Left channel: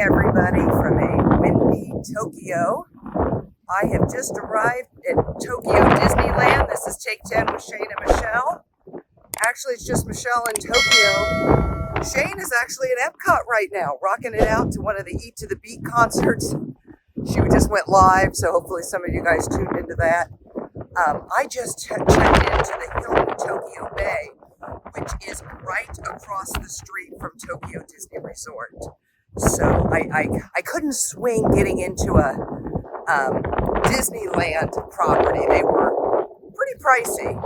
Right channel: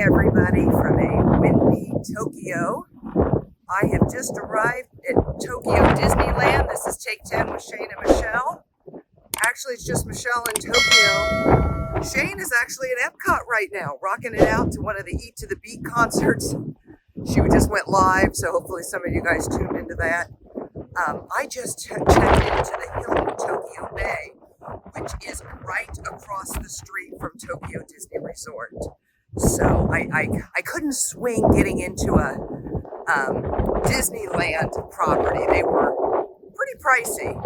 morning, everybody, from a windy Tokyo. I have just arrived at Tokyo Disneyland. This is Take 10 with Shane and Michelle. Actually, it's just Michelle in Tokyo. Shane is actually at Epcot right now, rocking it out to one of the Eat to the Beat concerts. She just went live, so hopefully some of you guys tuned into that. I just checked into the Hilton Tokyo Bay, which is right across the street from Tokyo Disney Resort. So I couldn't swing getting into a Disneyland property. They were pretty pricey,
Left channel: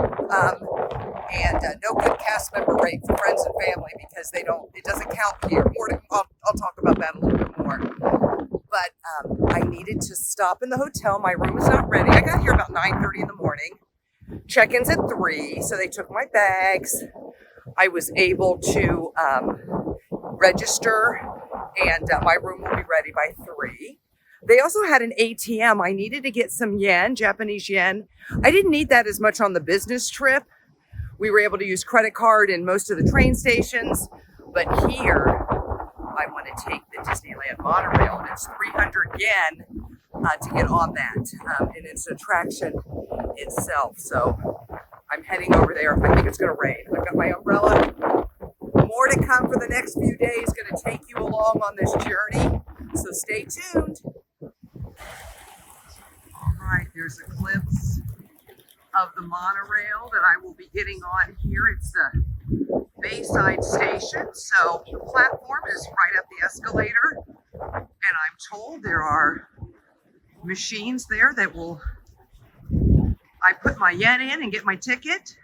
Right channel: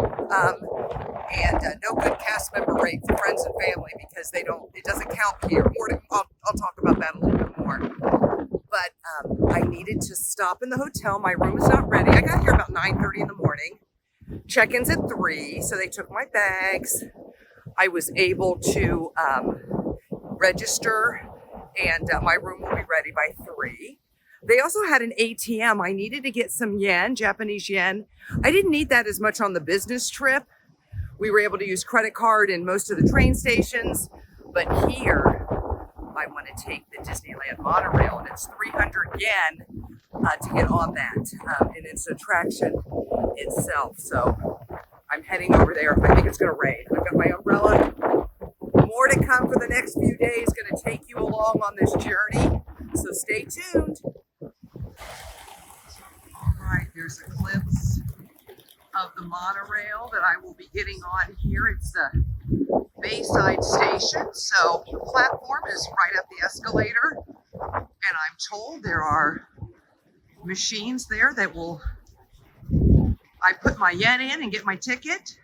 and no good cast member rate for friends and family because it doesn't count here. I'll talk about that a little bit more. But I needed to stop in the hotel. My room is not ready. I got here about 9:30 in the morning. Check-in's at 3, so they took my bags. I was able to register, and my room will be ready by 3. They also had an ATM. I needed to get some yen, Japanese yen. I didn't need that as much on the business trip. We were able to use credit card in most of the train stations, but here I want to take the Disneyland monorail, and it's 300 yen to get on that, and it's an attraction itself. So I'm heading over there. I think it's going to rain. I've got my umbrella. More to come for the next few days. Going to take you along on this journey, so stay tuned. All right, here's a glimpse of the monorail that I will be getting on here. It's the Bayside Station, so the platform is right up the escalator, and I'm told there are machines there that will, I put my yen in and get my ticket.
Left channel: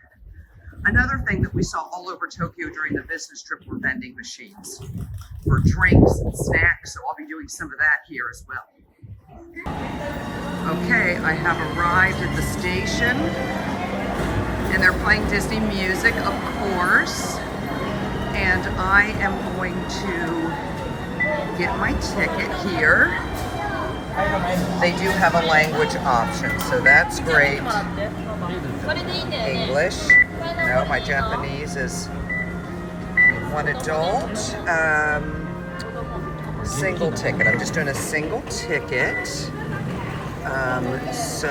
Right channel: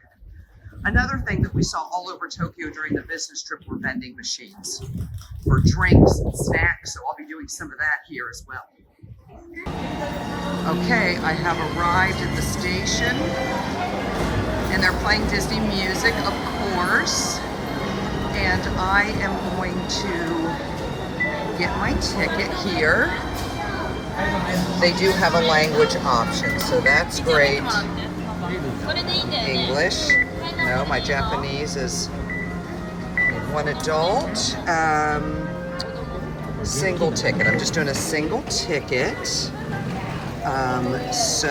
Another thing that we saw all over Tokyo during the business trip were vending machines for drinks and snacks, so I'll be doing some of that here as well. Okay, I have arrived at the station, and they're playing Disney music, of course, and I am going to get my ticket here. They do have a language option, so that's great. English. No, my Japanese is one adult. Single ticket. I'm just doing a single ticket. So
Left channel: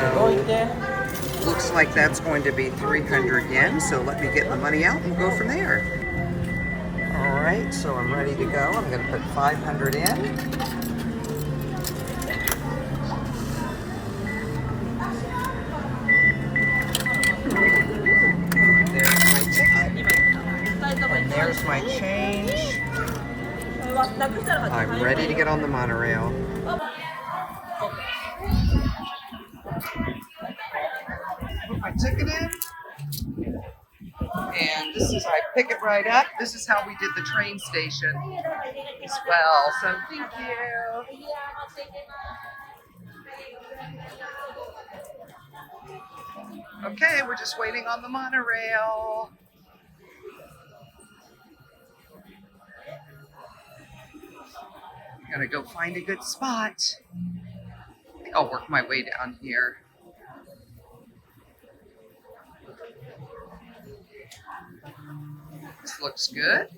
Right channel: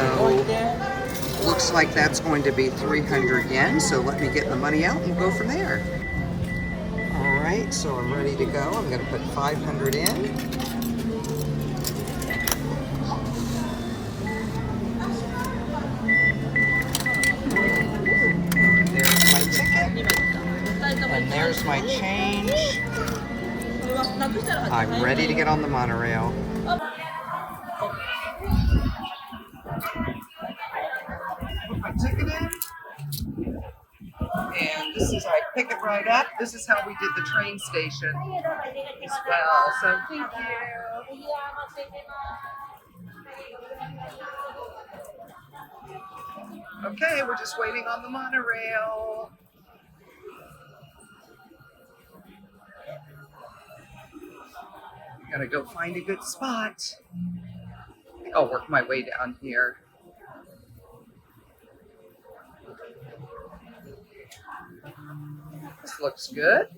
looks like that's going to be 300 yen. So let me get the money out and we'll go from there. All right, so I'm ready to go. I'm going to put 500 in. And there's my change. I'm ready to get on the monorail. Put my ticket in. And this is, I pick it right up. This is how we did the train station as well. So thank you. Okay, we're just waiting on the monorail. Gotta go find a good spot. I think I'll work my way down here. This looks good.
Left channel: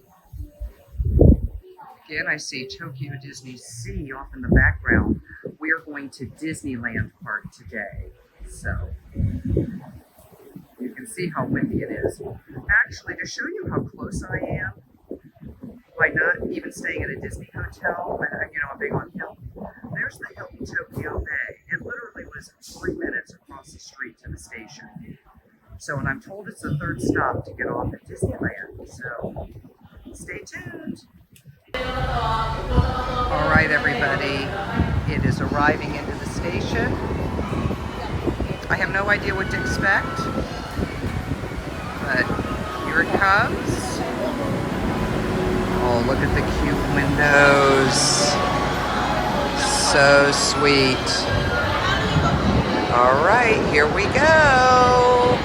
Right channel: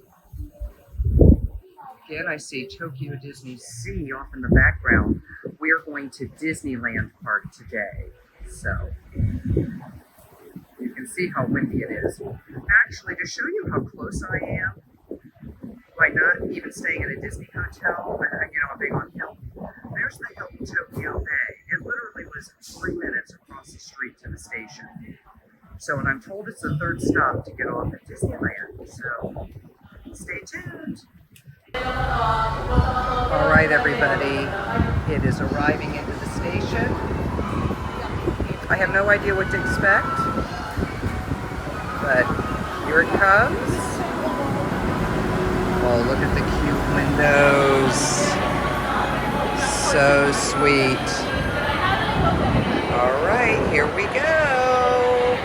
Again, I see Tokyo DisneySea off in the background. We are going to Disneyland Park today. So you can see how windy it is. Actually, to show you how close I am, by not even staying at a Disney hotel, I'm big on Hilton. There's the Hilton Tokyo Bay. It literally was 3 minutes across the street to the station. So, and I'm told it's the third stop to get off at Disneyland. So, stay tuned. All right, everybody. It is arriving into the station. I have no idea what to expect, but here it comes. Oh, look at the cute windows. So sweet. All right, here we go.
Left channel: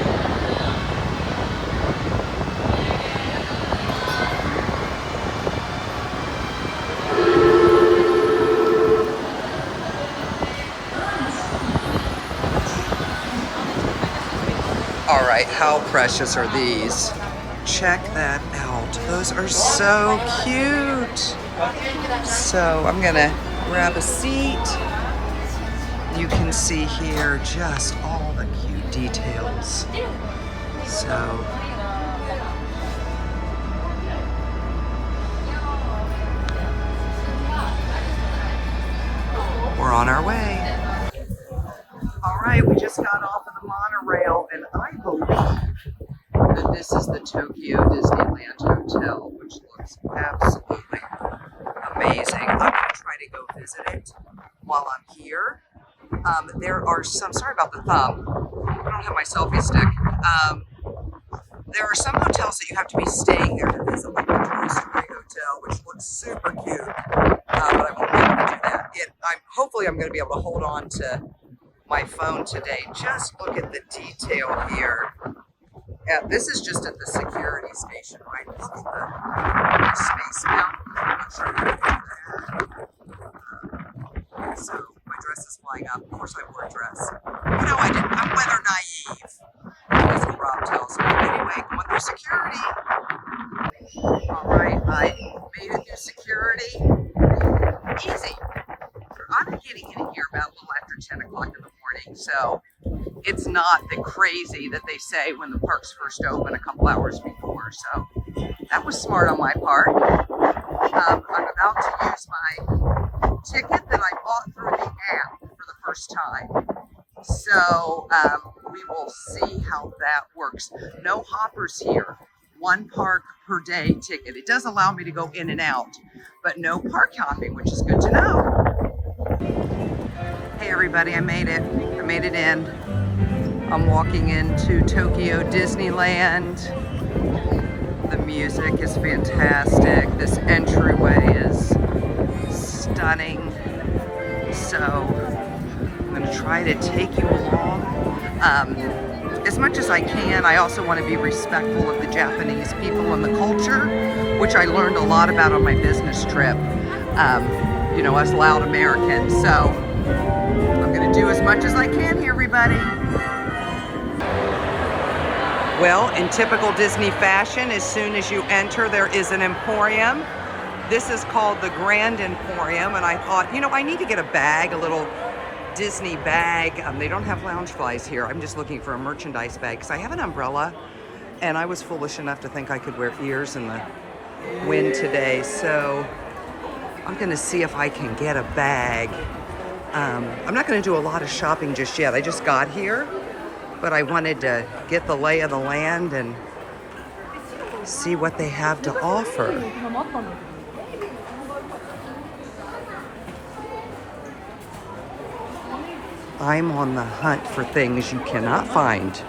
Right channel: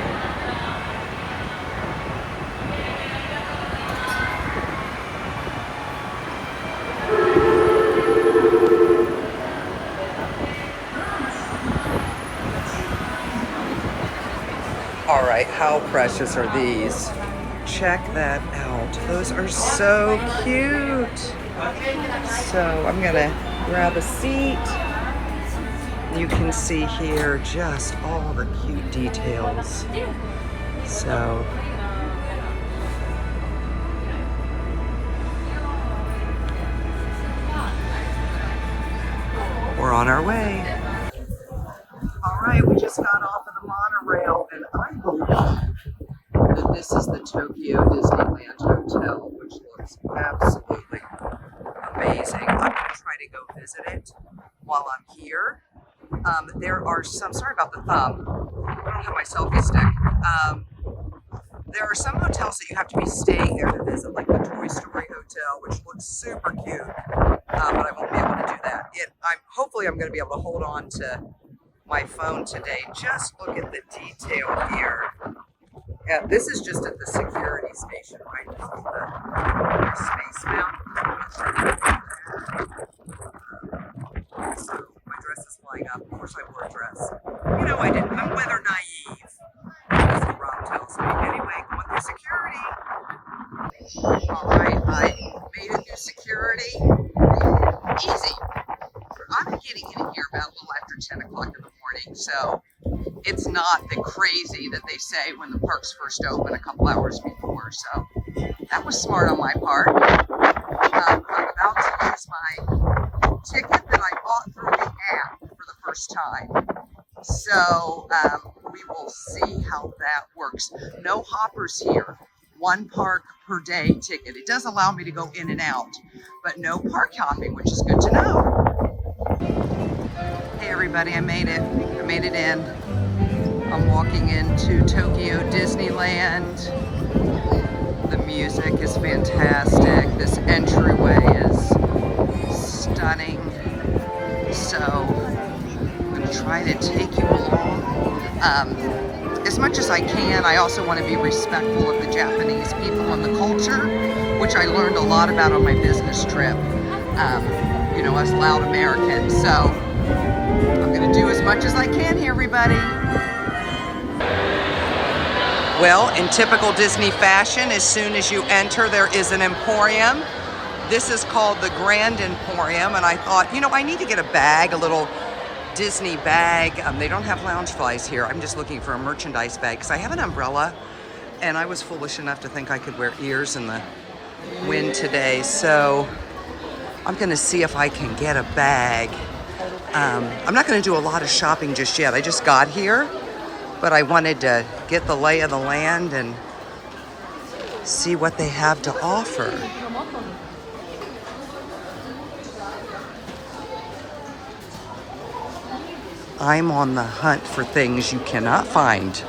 All right, how precious are these? Check that out. Those are so cute. So I'm gonna grab a seat. You can see here just all the cute details. So we're on our way. All right, we just got off of the monorail, and I believe that this is the Tokyo Disneyland Hotel, which looks absolutely amazing. I'm going to try to go visit it while I'm here. There are some, sorry about the thumb, I don't have my selfie stick. There are some hotels that you have to be staying there to visit, like the Toy Story Hotel, which looks super cute, but I won't be able to do that. Hopefully I'm going to be able to hold on to my phone today. Just look at the detail here. And this is just at the security station, right? Look at the Space Mountain. I'm not sure if you can do that. So my dress is flying up. Of course I wore a dress. You know, I'm weather naive. That's what Rob tells me. Anyway, going through security. All right, I made it through security. Easy. I'm getting in here about a little after 10 o'clock in the morning, so it's not the crazy that they say when the parks first open a couple hours before. So that was smart on my part. I'm about to use my ticket that I bought through the app for the first time. So we will see how that works. No hoppers here. One park per day ticket. It does allow me to go in and out, but no park hopping, which is good to know. Hey everybody, I made it. I made it in. I'm walking into Tokyo Disneyland. The music is fantastic. This entryway is stunning. So I'm gonna try to take you along as much as I can. I also want to be respectful of the Japanese people and the culture, which I learned a lot about on my business trip. You know, as loud Americans. So I'm gonna do as much as I can here, everybody. Well, in typical Disney fashion, as soon as you enter, there is an emporium. This is called the Grand Emporium, and I thought, you know, I need to get a bag, a little Disney bag. They don't have Loungeflies here. I'm just looking for a merchandise bag because I have an umbrella, and I was foolish enough to think I could wear ears in the wind today. So I'm gonna see if I can get a bag. I'm not gonna do a lot of shopping just yet. I just got here, but I wanted to get the lay of the land and see what they have to offer. I'm on the hunt for things you cannot find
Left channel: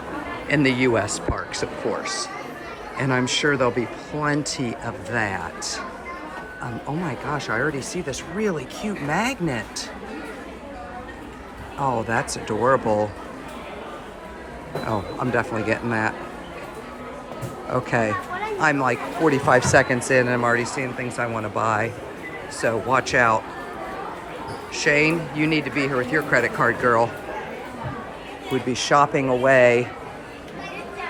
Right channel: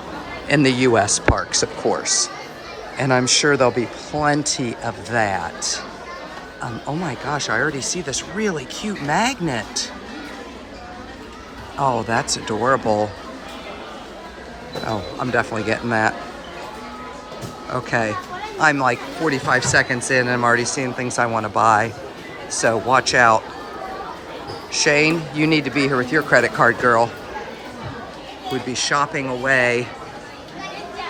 in the US parks, of course. And I'm sure there'll be plenty of that. Oh my gosh, I already see this really cute magnet. Oh, that's adorable. Oh, I'm definitely getting that. Okay, I'm like 45 seconds in and I'm already seeing things I want to buy. So watch out. Shane, you need to be here with your credit card, girl. Would be shopping away.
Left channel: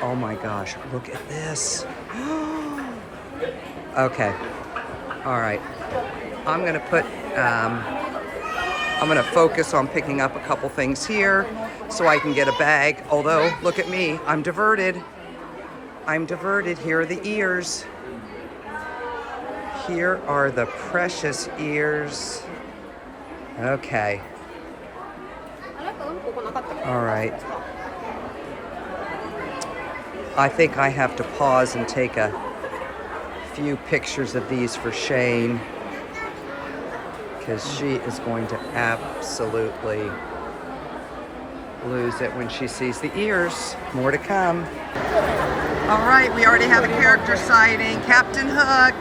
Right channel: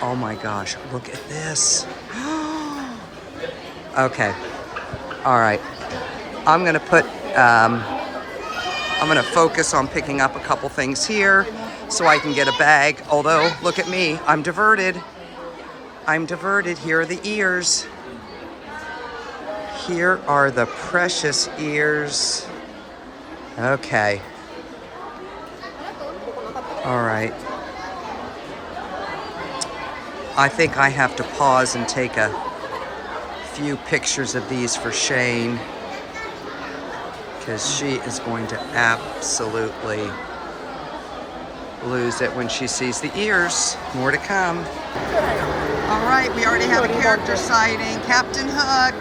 Oh my gosh, look at this. Okay, all right. I'm gonna focus on picking up a couple things here so I can get a bag. Although, look at me, I'm diverted. I'm diverted. Here are the ears. Here are the precious ears. Okay. All right. I think I have to pause and take a few pictures of these for Shane, because she is going to absolutely lose it when she sees the ears. More to come. All right, we already have a character sighting. Captain Hook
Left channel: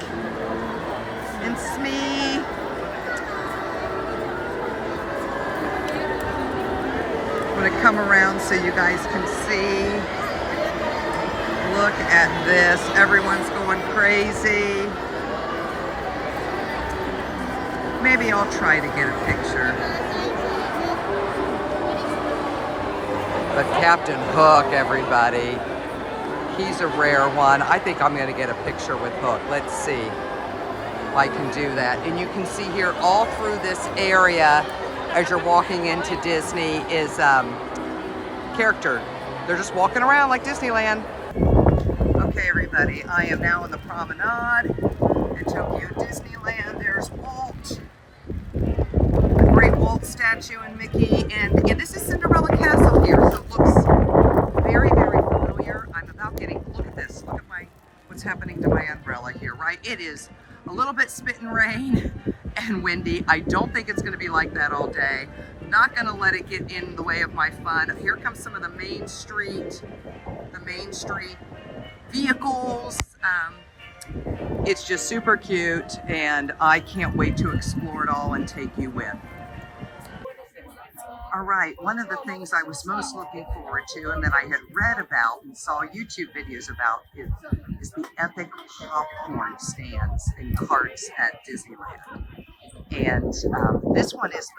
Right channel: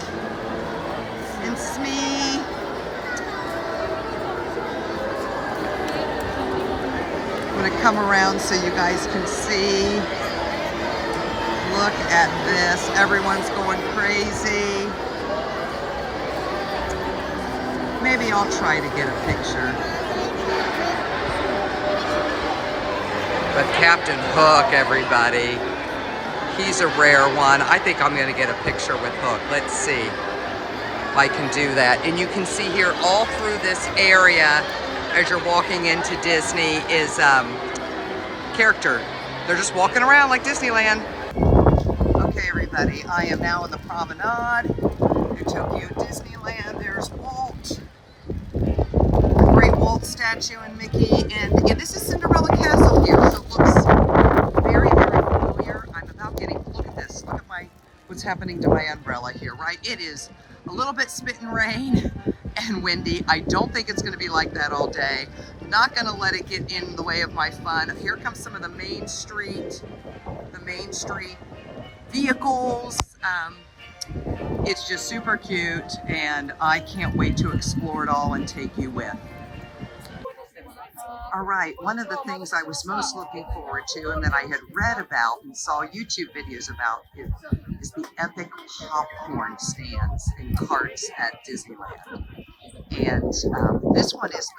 and Smee. I'm gonna come around so you guys can see. Look at this, everyone's going crazy. Maybe I'll try to get a picture. But Captain Hook, everybody, he's a rare one. I think I'm gonna get a picture with Hook. Let's see. I can do that. And you can see here all through this area as you're walking into Disney is character. They're just walking around like Disneyland. Okay, everybody, I am now in the promenade at Tokyo Disneyland. There's Walt, the great Walt statue, and Mickey, and this is Cinderella Castle here, so it looks very, very familiar. I'm about getting, look at this, look at what's happening to my umbrella here, right? It is a little bit spitting rain and windy. I don't think it's gonna be like that all day. Not gonna let it get in the way of my fun. Here comes some of the Main Street vehicles. It's just super cute, and I can't wait to explore it all and take you with. All right, one of the things I was most looking forward to and that I had read about and saw YouTube videos about is the epic popcorn stands and carts at Disneyland. And this one is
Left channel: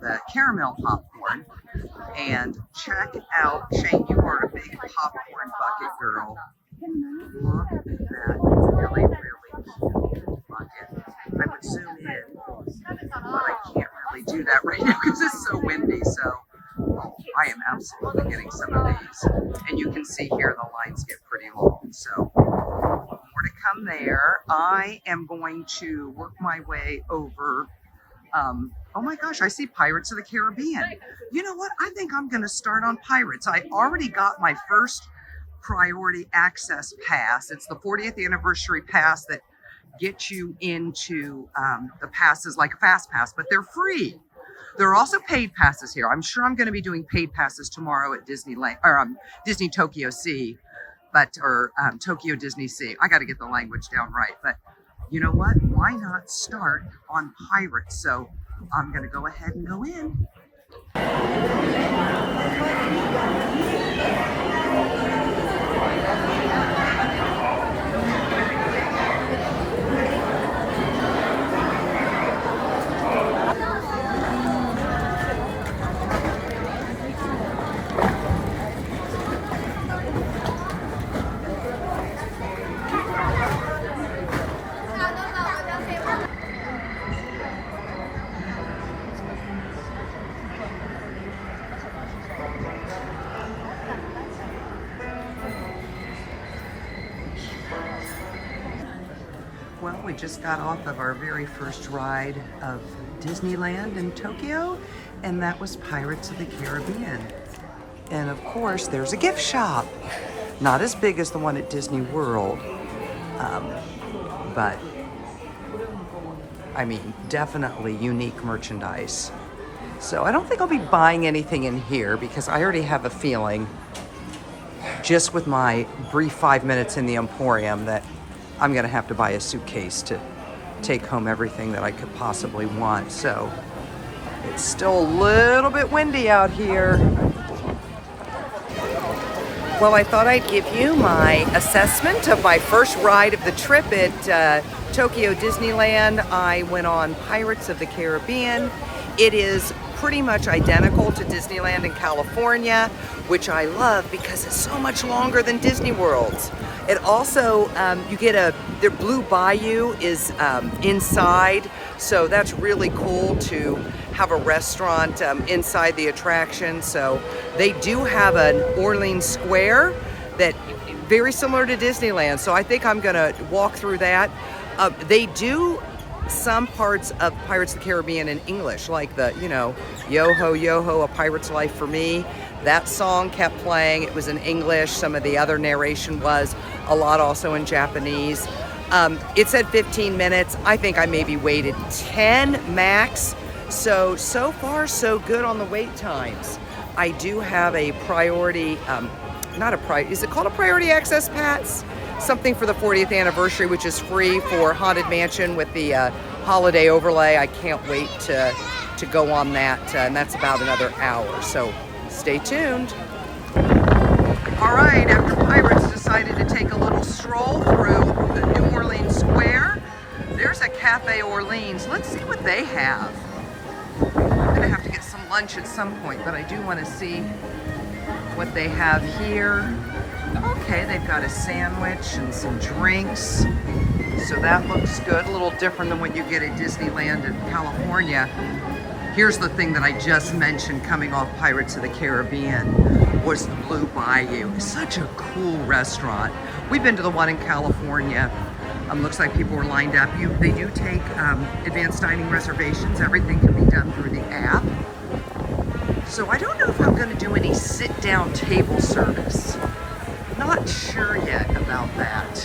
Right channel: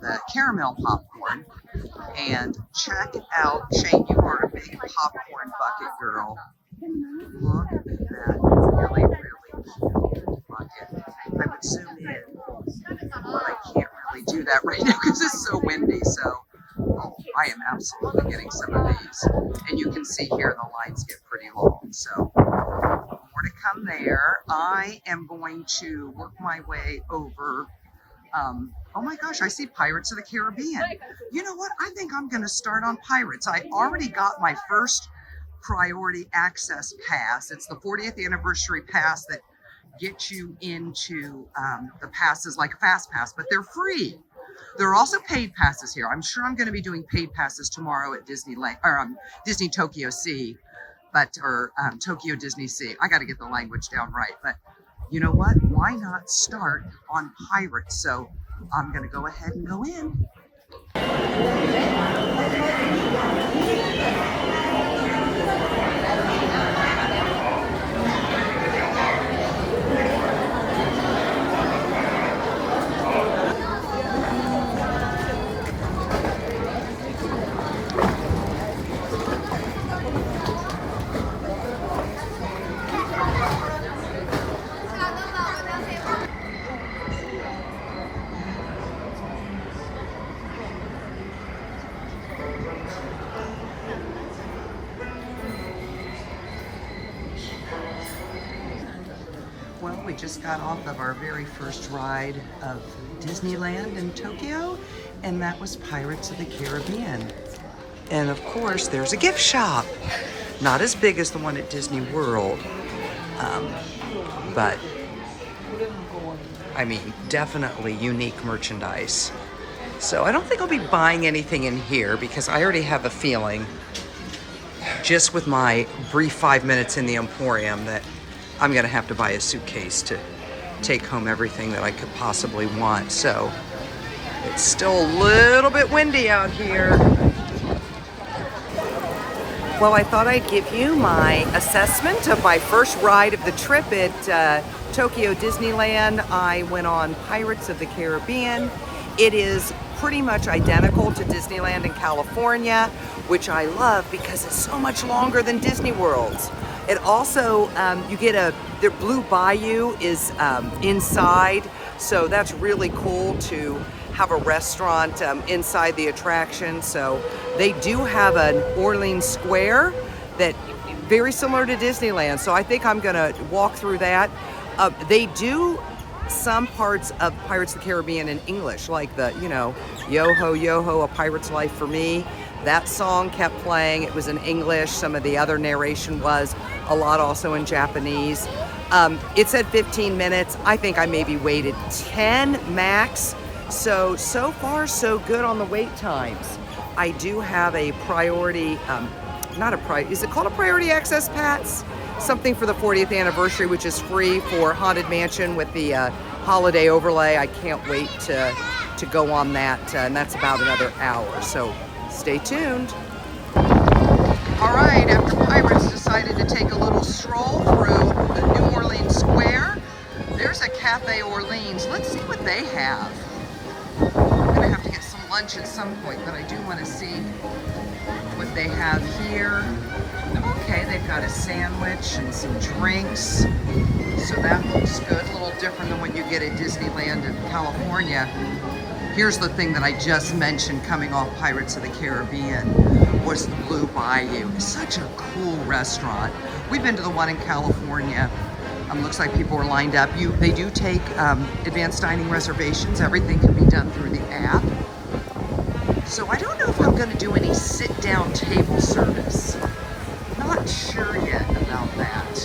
the caramel popcorn. And check out, Shane, you are a big popcorn bucket girl. Look at that really, really cute bucket. I would zoom in, but I can't really do that right now because it's so windy. So, oh, I am absolutely getting some of these. And you can see here the lines get pretty long. So, more to come there. I am going to work my way over. Oh my gosh, I see Pirates of the Caribbean. You know what? I think I'm going to start on Pirates. I already got my first priority access pass. It's the 40th anniversary pass that gets you into the passes like a fast pass, but they're free. There are also paid passes here. I'm sure I'm going to be doing paid passes tomorrow at Disneyland or Disney Tokyo Sea, or Tokyo DisneySea. I got to get the language down right, but you know what? Why not start on Pirates? So I'm going to go ahead and go in. Well, we just got off of our very first ride of Disneyland in Tokyo, and that was Pirates of the Caribbean. And of course, there's a gift shop. Not as big as the one at Disney World, but I mean, definitely unique merchandise. So I don't think I'll be buying anything in here because I already have a feeling, just with my brief 5 minutes in the Emporium, that I'm gonna have to buy a suitcase to take home everything that I could possibly want. So it's still a little bit windy out here. Well, I thought I'd give you my assessment of my first ride of the trip at Tokyo Disneyland. I went on Pirates of the Caribbean. It is pretty much identical to Disneyland in California, which I love because it's so much longer than Disney World's. It also, you get their Blue Bayou is inside, so that's really cool to have a restaurant inside the attraction. So they do have an Orleans Square that very similar to Disneyland. So I think I'm gonna walk through that. They do some parts of Pirates of the Caribbean in English, like the, you know, Yo-ho, yo-ho, a pirate's life for me. That song kept playing. It was in English. Some of the other narration was a lot also in Japanese. It said 15 minutes. I think I maybe waited 10 max. So far, so good on the wait times. I do have a priority, is it called a priority access pass? Something for the 40th anniversary, which is free for Haunted Mansion with the holiday overlay. I can't wait to go on that, and that's about another hour. So stay tuned. All right, after Pirates decided to take a little stroll through the New Orleans Square, there's a Cafe Orleans. Let's see what they have. I'm gonna have to get some lunch at some point, but I do want to see what they have here. Okay, they've got a sandwich and some drinks, so that looks good. A little different than what you get at Disneyland in California. Here's the thing that I just mentioned coming off Pirates of the Caribbean was the Blue Bayou. It's such a cool restaurant. We've been to the one in California. Looks like people are lined up. They do take advanced dining reservations. Everything can be done through the app. So I don't know if I'm gonna do any sit-down table service. Not sure yet about that.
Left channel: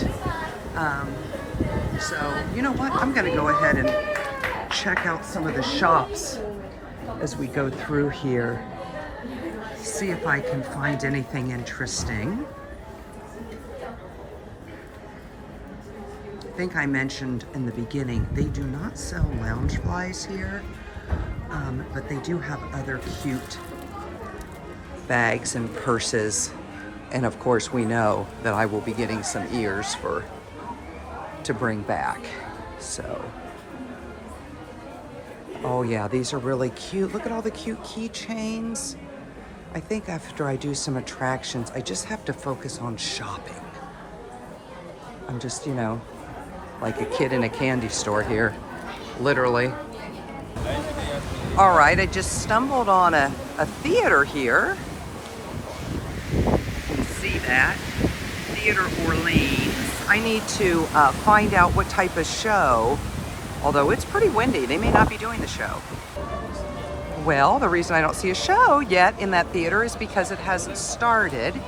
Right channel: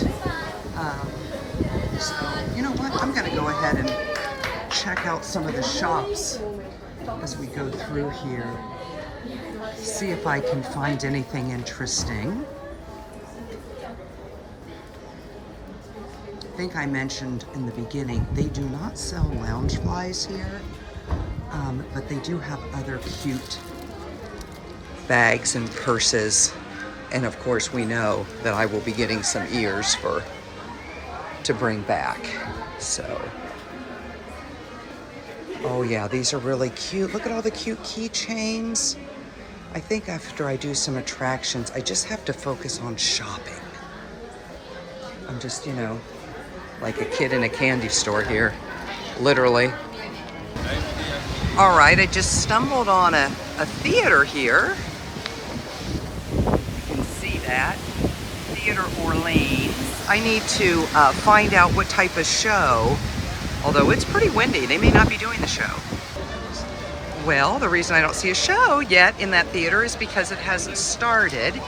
So you know what? I'm gonna go ahead and check out some of the shops as we go through here. See if I can find anything interesting. I think I mentioned in the beginning, they do not sell lounge flies here, but they do have other cute bags and purses. And of course, we know that I will be getting some ears to bring back. So, oh yeah, these are really cute. Look at all the cute keychains. I think after I do some attractions, I just have to focus on shopping. I'm just, you know, like a kid in a candy store here, literally. All right, I just stumbled on a theater here. You can see that, Theater Orleans. I need to find out what type of show, although it's pretty windy, they may not be doing the show. Well, the reason I don't see a show yet in that theater is because it hasn't started.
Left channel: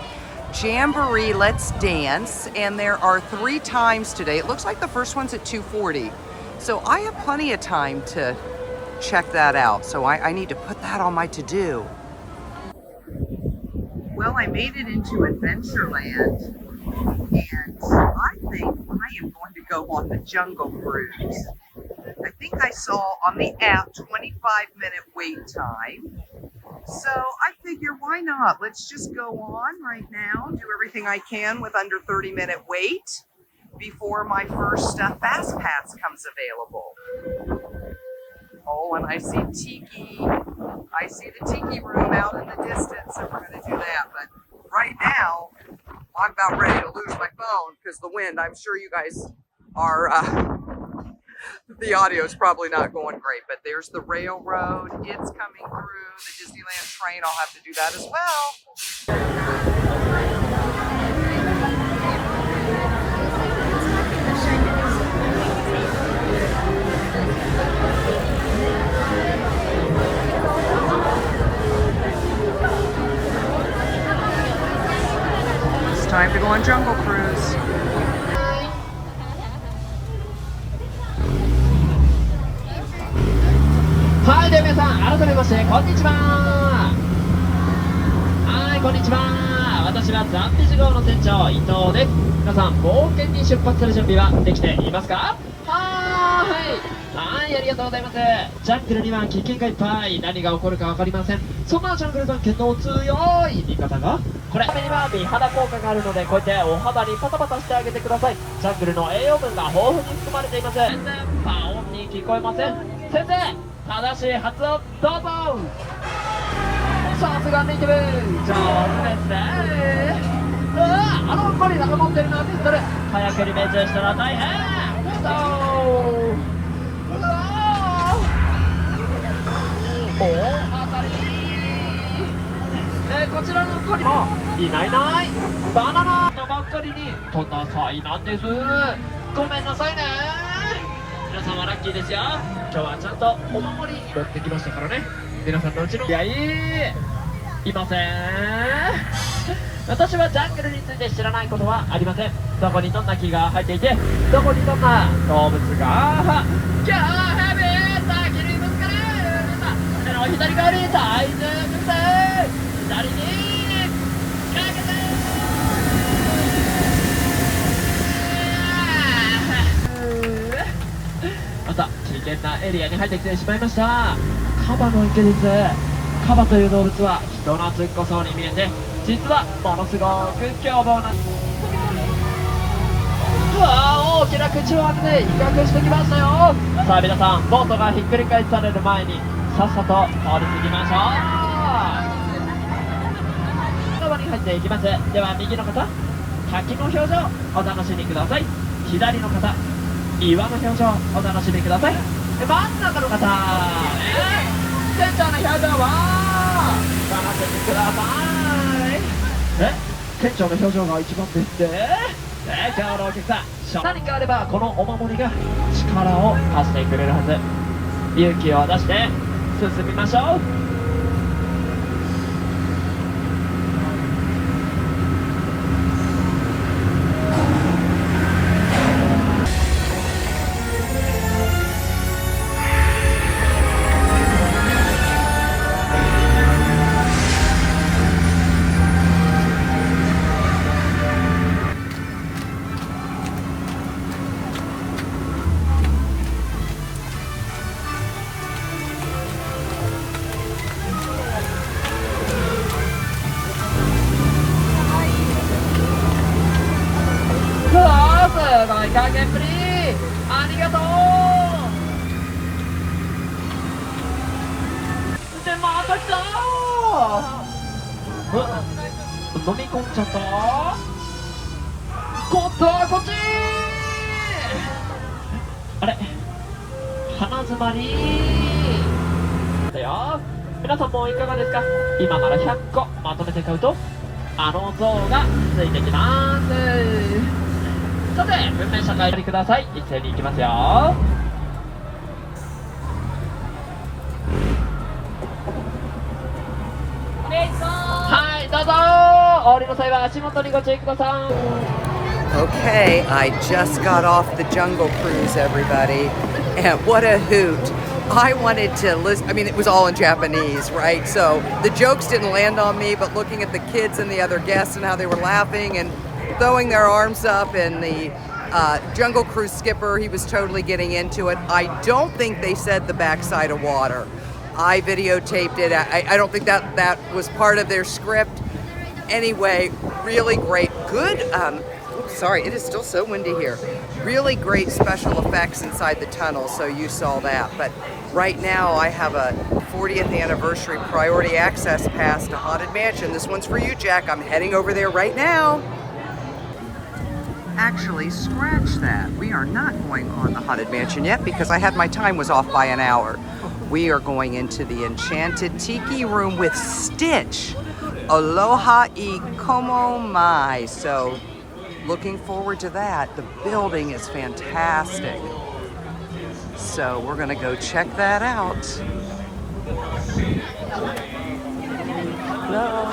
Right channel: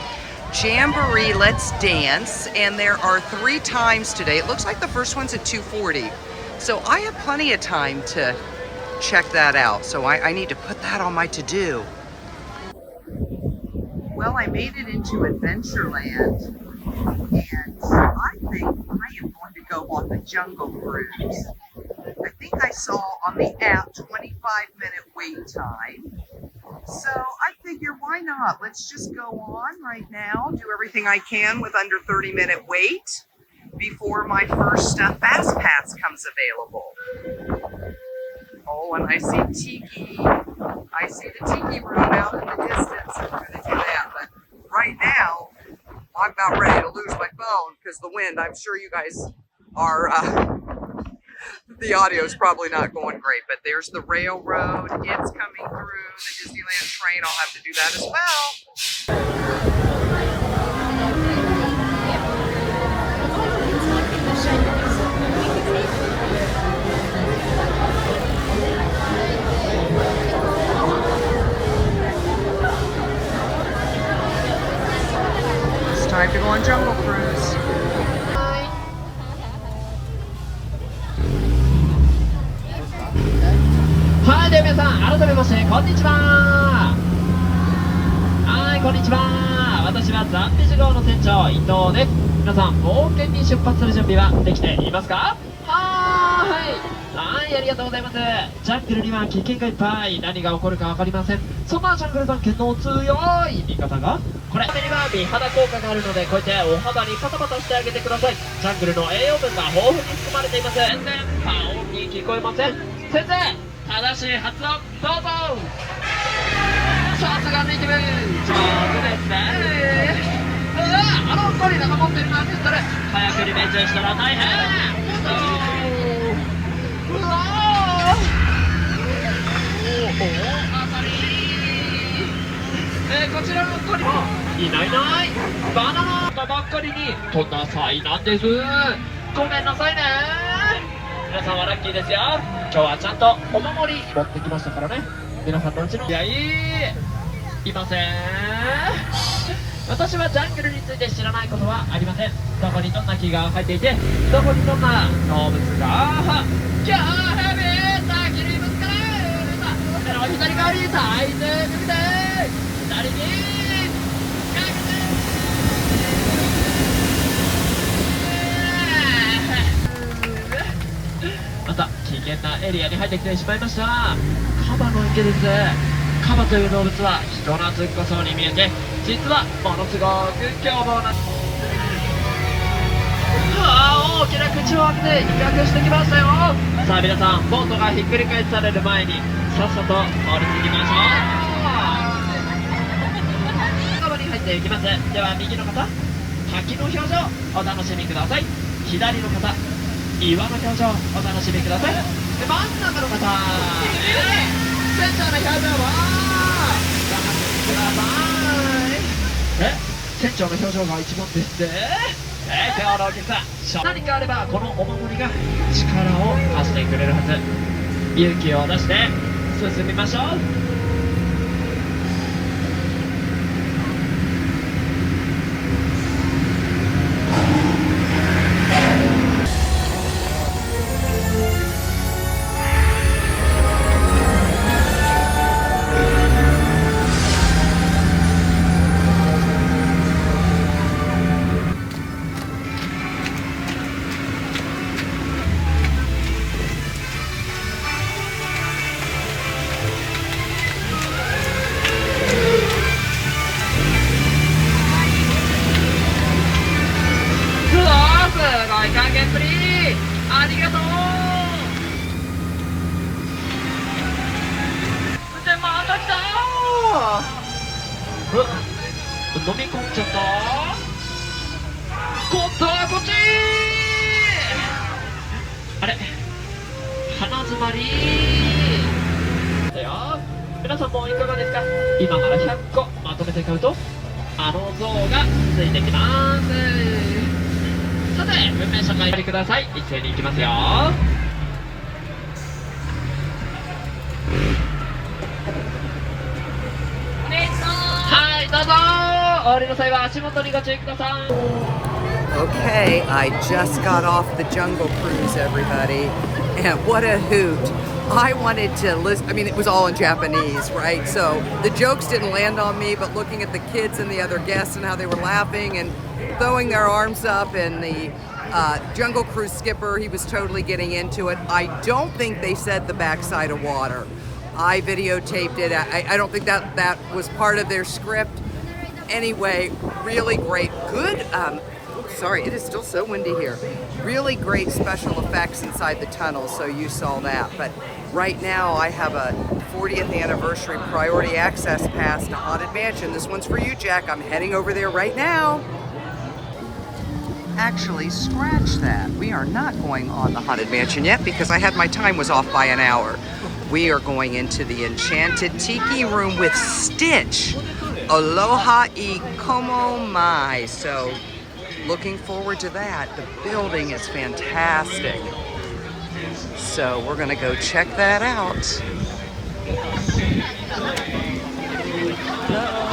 Jamboree Let's Dance, and there are 3 times today. It looks like the first one's at 2:40. So I have plenty of time to check that out. So I need to put that on my to-do. Well, I made it into Adventureland, and I think I am going to go on the Jungle Cruise. I think I saw on the app 25-minute wait time. So I figure, why not? Let's just go on right now, do everything I can with under 30-minute wait before my first Fast Pass comes available. Oh, and I see the Tiki Room out in the distance, so we're gonna do that. But right now, I'm about ready to lose my phone because the wind, I'm sure you guys are, the audio is probably not going great, but there's the railroad. It's coming through. The Disneyland train, I'll have to do that as well. It's time to go on Jungle Cruise. Hi, では皆さん、改めましてこんにちは。はい、こんにちは。私はザンビジ号の船長伊藤です。皆さん、冒険に出発する準備はできていますか？はーい。はい、ありがとうございます。ジャングルには危険がいっぱい。何が起こるか分かりません。そんなジャングル探検の強い味方がこれ。これには美肌効果があるので、こうやってお肌にパタパタしてあげてください。ジャングルの栄養分が豊富に含まれています。全然パオンに聞こえません。先生、正しい発音どうぞ。さすがネイティブ、上手ですね。ゴリラが持ってるのはピストル。早くリベンジしたら大変。うわ大当たり。こちらのゴリラいないいない。バナナがばっかりにとんな災難です。ごめんなさいね。皆さんはラッキーですよ。今日はちゃんとお守り持ってきましたからね。皆さんのうちにいません。私はジャングルについて知らないことはありません。どこにどんな木が生えていて、どこにどんな動物がキャーヘビーさあ切りますかね。皆さん左側に大丈夫です。左にまた危険なエリアに入ってきてしまいました。カバの池です。カバという動物は人懐っこそうに見えて、実はものすごく凶暴な。大きな口を開けて威嚇してきましたよ。さあ皆さん、ボートがひっくり返される前にさっさと通り過ぎましょう。カバに入っていきます。では右の方、滝の表情お楽しみください。左の方、岩の表情お楽しみください。で真ん中の方、船長の表情をご覧ください。船長の表情が一番ですね。今日のお客さん、何かあればこのお守りが力を貸してくれるはず。勇気を出して進みましょう。すごい加減っぷり、ありがとう。でまた来た飲み込んじゃった。今度はこっち。あれ鼻詰まりだよ。皆さんもいかがですか。今から100個まとめて買うとあの像がついてきます。さて、文面社会おりください。一斉に行きますよ。はい、どうぞ。お降りの際は足元にご注意ください。Okay, I just got off the Jungle Cruise, everybody, and what a hoot. I wanted to listen, I mean, it was all in Japanese, right? So the jokes didn't land on me, but looking at the kids and the other guests and how they were laughing and throwing their arms up, and the Jungle Cruise skipper, he was totally getting into it. I don't think they said the backside of water. I videotaped it. I don't think that was part of their script. Anyway, really great. Good. Oops, sorry, it is still so windy here. Really great special effects inside the tunnel, so you saw that. But right now I have a 40th anniversary priority access pass to Haunted Mansion. This one's for you, Jack. I'm heading over there right now. Actually, scratch that. We are not going on the Haunted Mansion yet because I had my time was off by an hour. We are going into the Enchanted Tiki Room with Stitch. Aloha I Komo Mai. So, looking forward to that. The building is fantastic. So, we're going to go check that out. Hello.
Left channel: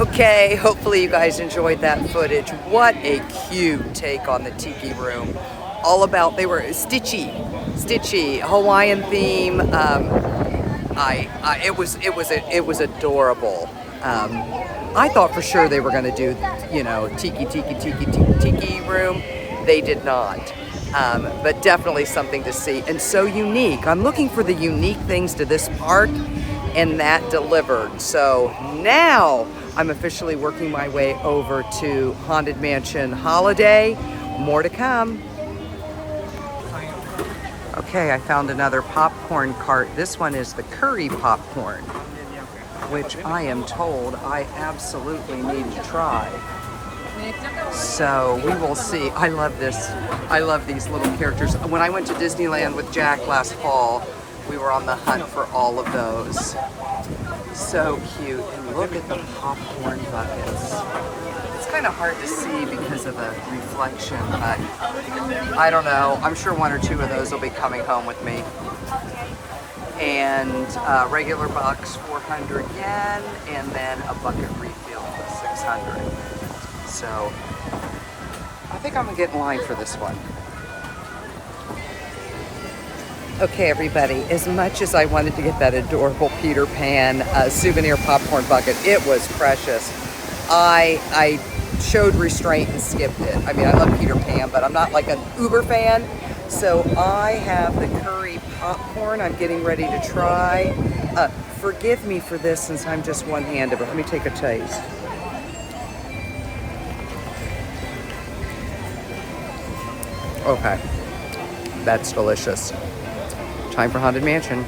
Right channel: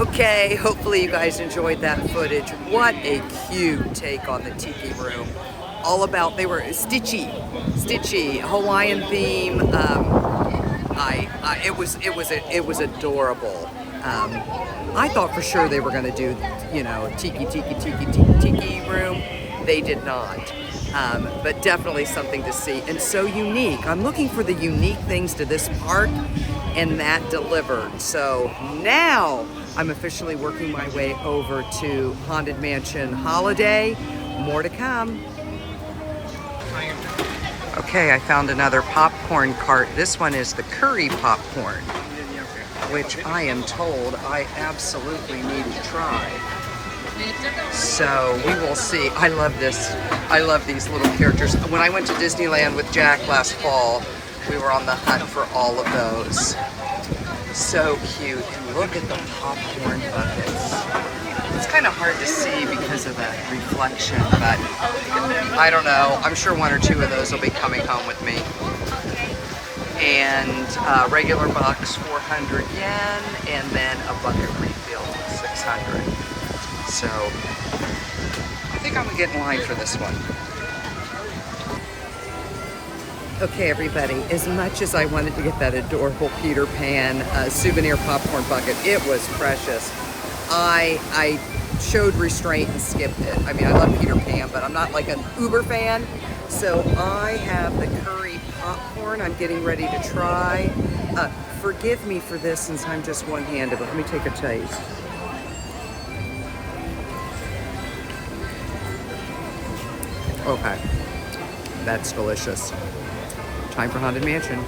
Okay, hopefully you guys enjoyed that footage. What a cute take on the Tiki Room. All about, they were stitchy, Hawaiian theme. It was adorable. I thought for sure they were going to do, you know, Tiki Room. They did not. But definitely something to see, and so unique. I'm looking for the unique things to this park, and that delivered. So now I'm officially working my way over to Haunted Mansion Holiday. More to come. Okay, I found another popcorn cart. This one is the curry popcorn, which I am told I absolutely need to try. So we will see. I love this. I love these little characters. When I went to Disneyland with Jack last fall, We were on the hunt for all of those. So cute. And look at the popcorn buckets. It's kind of hard to see because of the reflection, but I don't know. I'm sure one or two of those will be coming home with me. And regular box 400 yen, and then a bucket refill 600. So I think I'm gonna get in line for this one. Okay, everybody, as much as I wanted to get that adorable Peter Pan souvenir popcorn bucket, it was precious. I showed restraint and skipped it. I mean, I love Peter Pan, but I'm not like an uber fan. So I have the curry popcorn I'm getting ready to try. Forgive me for this since I'm just one-handed, but let me take a taste. Okay, that's delicious. Time for Haunted Mansion.